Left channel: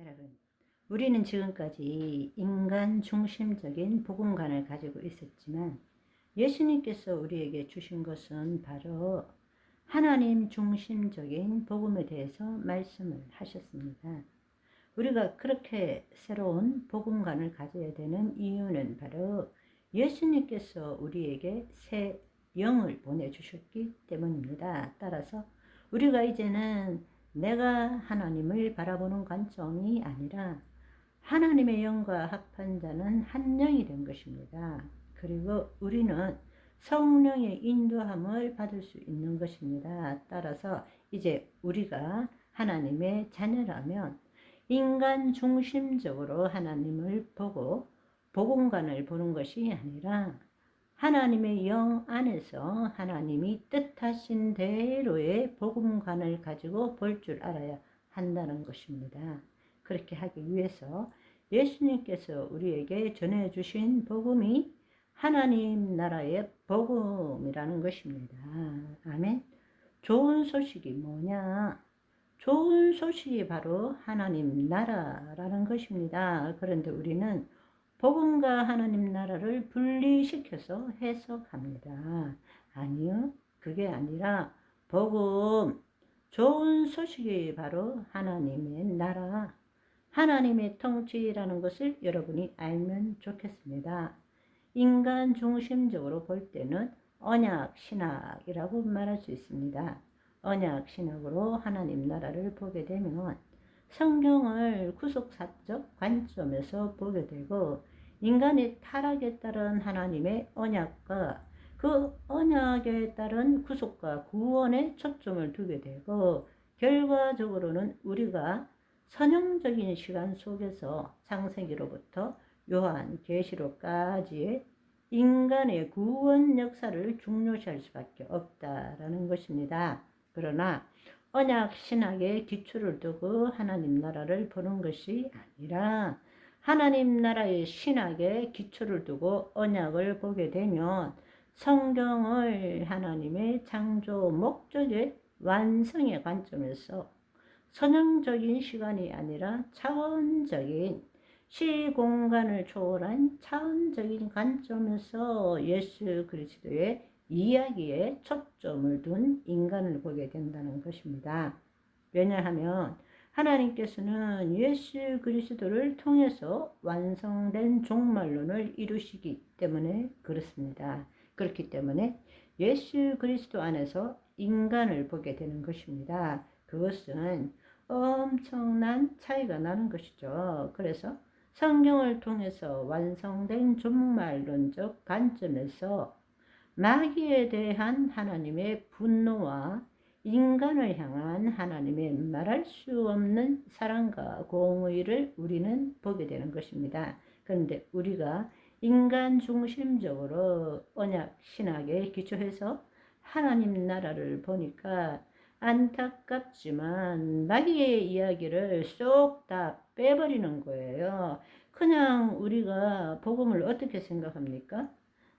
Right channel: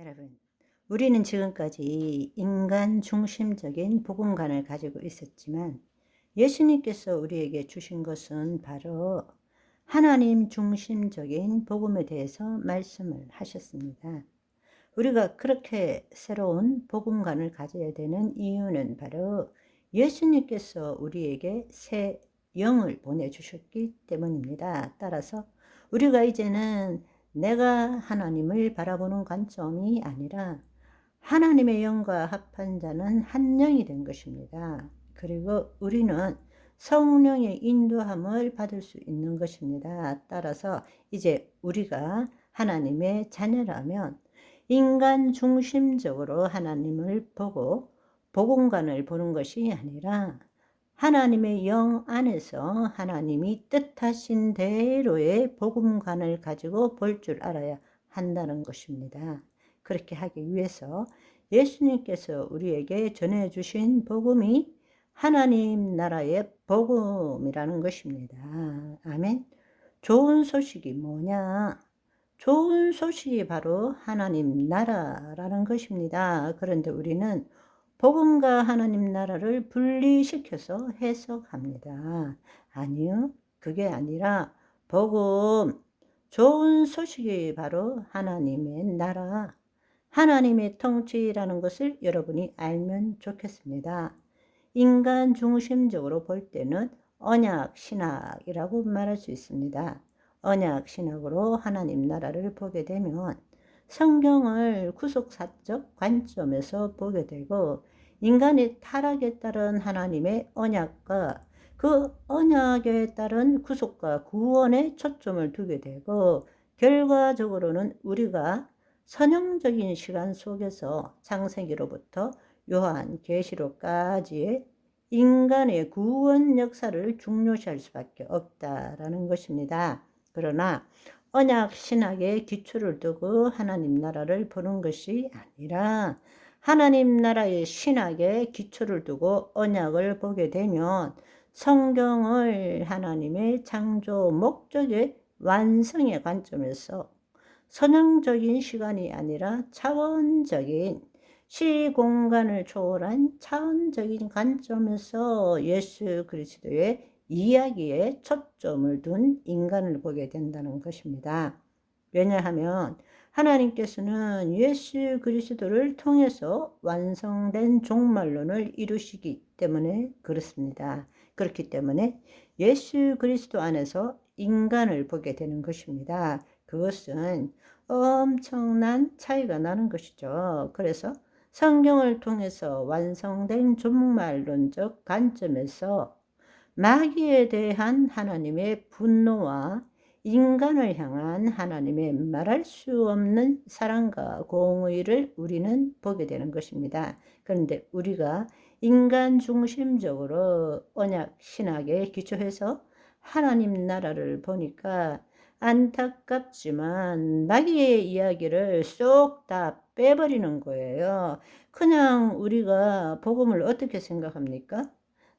여러분, 우리는 지금까지 인간 중심적인 복음관을 가지고 있었지만 예수님께서 우리에게 주신 것은 바로 하나님 중심적인 복음에 대해서 말씀을 하셨습니다. 우리가 그렇게 새로운 복음관을 가져야 되는 이유는 바로 예수님께서 우리에게 새 영을 보내주셨기 때문입니다. 따라서 우리가 이제는 내가 하나님을 바라보는 관점이 아니라 하나님의 영과 합한 자는 한 영이 된 것입니다. 그리고 우리는 성령의 인도함을 받을 수 있는 것입니다. 따라서 이제 우리가 하나님의 자녀라면 인간 중심적으로 하나님을 보고 복음관을 보는 것이 아니라 하나님의 영 안에서 하나님이 뜻하신 대로의 복음관을 가지고 볼 줄 알아야 한다는 것입니다. 그렇게 하기 위해서 예수님께서 우리에게 전해주신 복음이 하나님 나라의 복음이라는 것입니다. 아멘. 좋은 소식이 뭐냐? 좋은 소식이 바로 하나님 나라라는 것입니다. 그런데 우리는 복음과 하나님 나라를 분리시켜서 해석합니다. 아니요, 그게 아니라 복음, 좋은 소식이 바로 하나님의 나라, 하나님의 통치라는 것을 여러분이 알면 좋겠습니다. 인간 중심적으로 볼 때는 언약 신학이라고 말할 수 있습니다. 언약 신학으로 하나님 나라를 보게 되면 성경을 구속사적 관점에서 보게 되고 인간의 타락에 따른 하나님의 언약과 그 언약에 따른 구속과 구원에 초점을 두게 되고 결과적으로는 우리가 선형적인 시간 속에서 창세기로부터 요한계시록까지의 인간의 구원 역사를 중요시할 수밖에 없다라는 것입니다. 그러나 언약 신학의 기초를 두고 하나님 나라를 보는 것이 아니라 하나님 나라의 신학의 기초를 두고 언약을 보게 되면 성경을 하나님의 창조 목적의 완성의 관점에서 선형적인 시간이 아니라 차원적인 시공간을 초월한 차원적인 관점에서 예수 그리스도의 이야기에 초점을 둔 인간을 보게 된다는 것입니다. 왜냐하면 하나님께서는 예수 그리스도를 통해서 완성된 종말론을 이루시기 때문에 그렇습니다. 그렇기 때문에 예수 그리스도 안에서 인간을 보게 되는 것입니다. 그것은 엄청난 차이가 나는 것이죠. 그래서 성경을 통해서 완성된 종말론적 관점에서 마귀에 대한 하나님의 분노와 인간을 향한 하나님의 말할 수 없는 사랑과 공의를 우리는 보게 되는 것입니다. 그런데 우리가 인간 중심적으로 언약 신학에 기초해서 하나님 나라를 보니까 안타깝지만 마귀의 이야기를 쏙 다 빼버리는 거예요. 그냥 우리가 복음을 어떻게 생각합니까?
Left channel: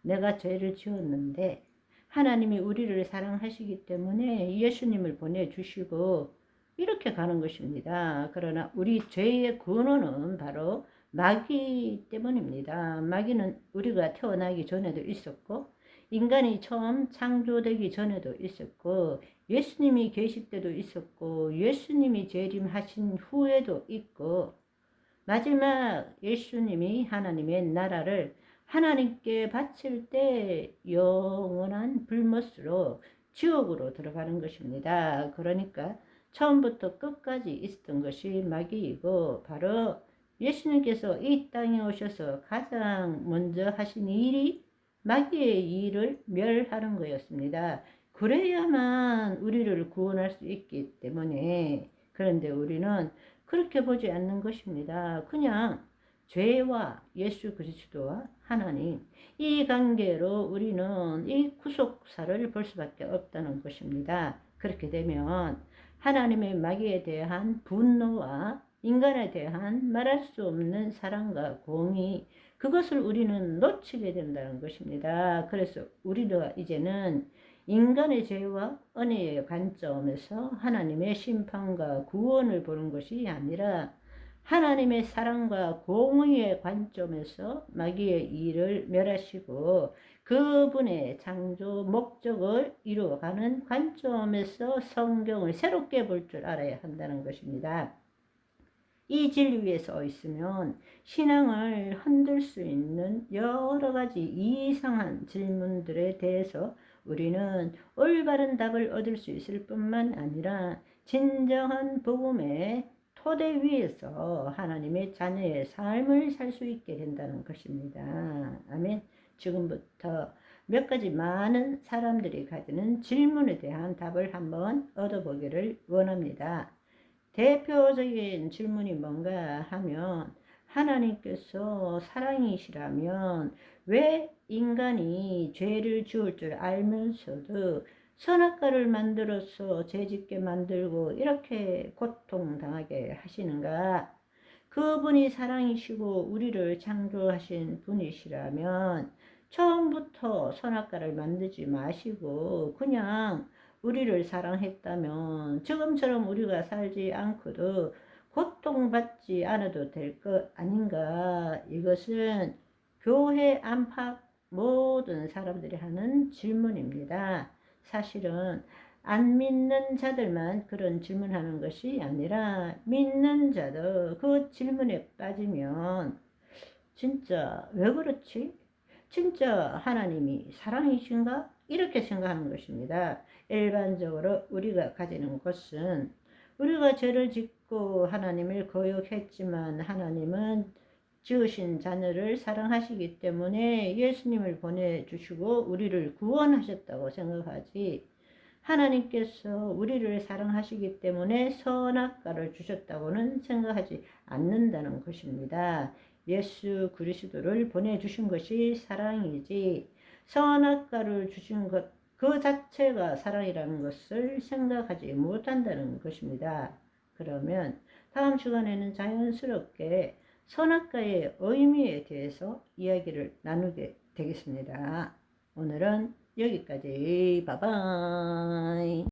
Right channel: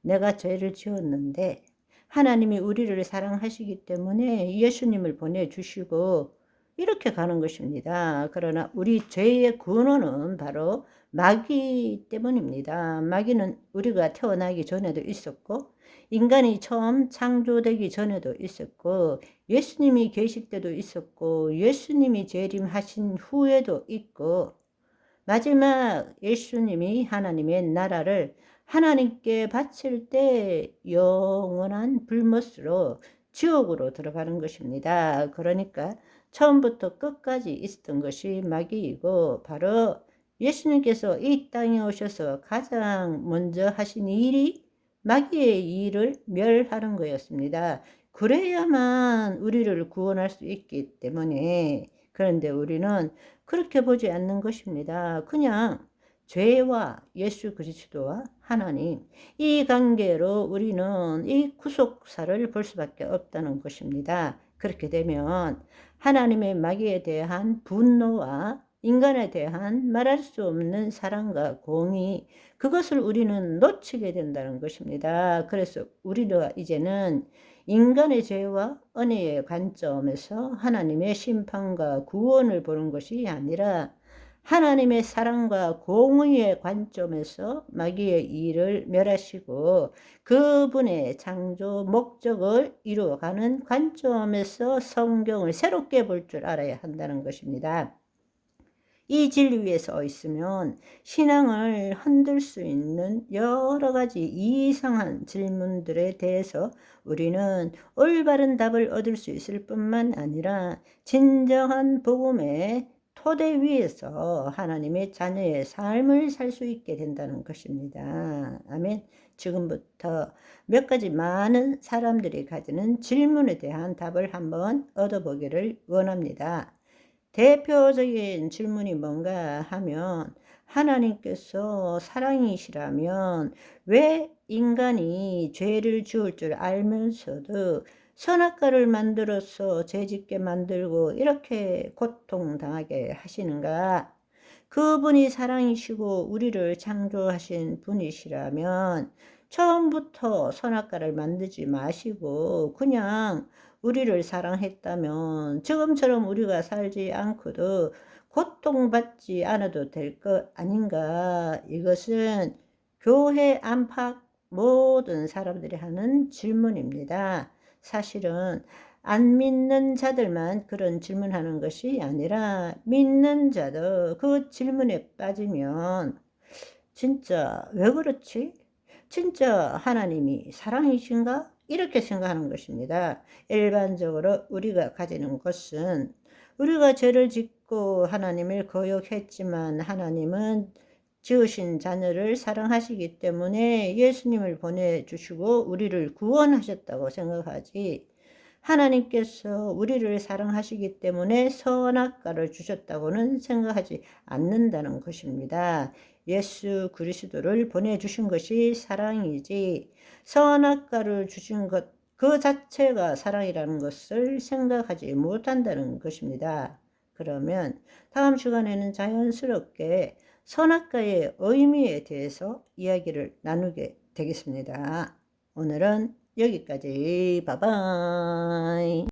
내가 죄를 지었는데 하나님이 우리를 사랑하시기 때문에 예수님을 보내주시고 이렇게 가는 것입니다. 그러나 우리 죄의 근원은 바로 마귀 때문입니다. 마귀는 우리가 태어나기 전에도 있었고 인간이 처음 창조되기 전에도 있었고 예수님이 계실 때도 있었고 예수님이 재림하신 후에도 있고 마지막 예수님이 하나님의 나라를 하나님께 바칠 때 영원한 불못으로 지옥으로 들어가는 것입니다. 그러니까 처음부터 끝까지 있었던 것이 마귀이고 바로 예수님께서 이 땅에 오셔서 가장 먼저 하신 일이 마귀의 일을 멸하는 거였습니다. 그래야만 우리를 구원할 수 있기 때문에 그런데 우리는 그렇게 보지 않는 것입니다. 그냥 죄와 예수 그리스도와 하나님 이 관계로 우리는 이 구속사를 볼 수밖에 없다는 것입니다. 그렇게 되면 하나님의 마귀에 대한 분노와 인간에 대한 말할 수 없는 사랑과 공의 그것을 우리는 놓치게 된다는 것입니다. 그래서 우리가 이제는 인간의 죄와 은혜의 관점에서 하나님의 심판과 구원을 보는 것이 아니라 하나님의 사랑과 공의의 관점에서 마귀의 일을 멸하시고 그분의 창조 목적을 이루어가는 관점에서 성경을 새롭게 볼 줄 알아야 한다는 것입니다. 이 진리 위에 서 있으면 신앙을 흔들 수 있는 여러 가지 이상한 질문들에 대해서 우리는 올바른 답을 얻을 수 있을 뿐만 아니라 진정한 복음의 토대 위에서 하나님의 자녀의 삶을 살 수 있게 된다는 것입니다. 아멘. 지금부터 몇 가지 많은 사람들이 가지는 질문에 대한 답을 한번 얻어보기를 원합니다. 대표적인 질문이 뭔가 하면, 하나님께서 사랑이시라면 왜 인간이 죄를 지을 줄 알면서도 선악과를 만들어서 죄짓게 만들고 이렇게 고통당하게 하시는가? 그분이 사랑이시고 우리를 창조하신 분이시라면 처음부터 선악과를 만들지 마시고 그냥 우리를 사랑했다면 지금처럼 우리가 살지 않고도 고통받지 않아도 될 것 아닌가? 이것은 교회 안팎 모든 사람들이 하는 질문입니다. 사실은 안 믿는 자들만 그런 질문하는 것이 아니라 믿는 자도 그 질문에 빠지면 진짜 왜 그렇지? 진짜 하나님이 사랑이신가? 이렇게 생각하는 것입니다. 일반적으로 우리가 가지는 것은 우리가 죄를 짓고 하나님을 거역했지만 하나님은 지으신 자녀를 사랑하시기 때문에 예수님을 보내주시고 우리를 구원하셨다고 생각하지, 하나님께서 우리를 사랑하시기 때문에 선악과를 주셨다고는 생각하지 않는다는 것입니다. 예수 그리스도를 보내주신 것이 사랑이지 선악과를 주신 것 그 자체가 사랑이라는 것을 생각하지 못한다는 것입니다. 그러면 다음 시간에는 자연스럽게 선악과의 의미에 대해서 이야기를 나누게 되겠습니다. 오늘은 여기까지. 바이바이.